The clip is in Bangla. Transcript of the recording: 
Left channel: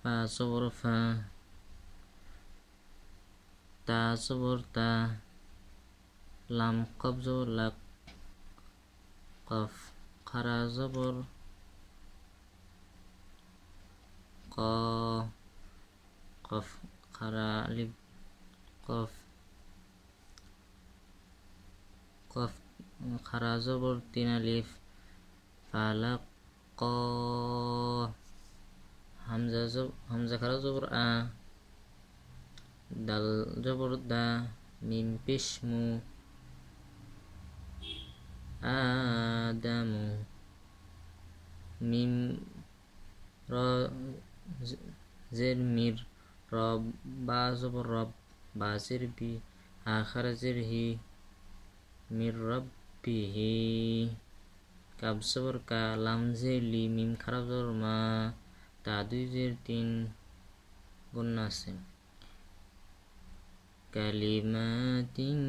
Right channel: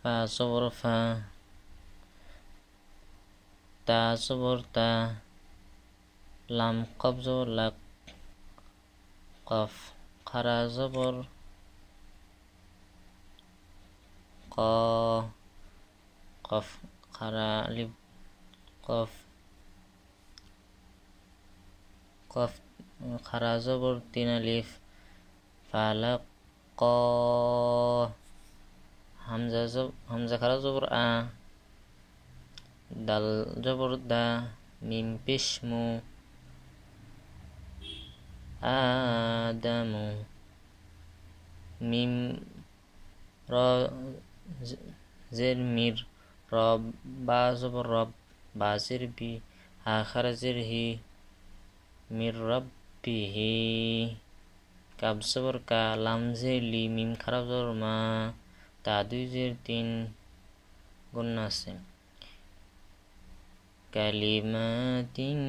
ফা জবর ফা, তা জবর তা, লাম কফ জবর লাক, কফ খারা জবর ক, কফ খারা আলিফ কফ, কফ খারা জবর তিন আলিফ, ফালাক ক, হামজা খারা জবর আ, দাল জবর দা, মিম পেশ মু, আদামু, মিম র জের মির, রব বা জবর রব, বা জের বি, হা খারা জের হি, মির রব্বিহি, কাব জবর কা, লাম জের লি, মিম খারা জবর মা, তা দুই জের তিন, গুন্না আছে। কালিমাতিন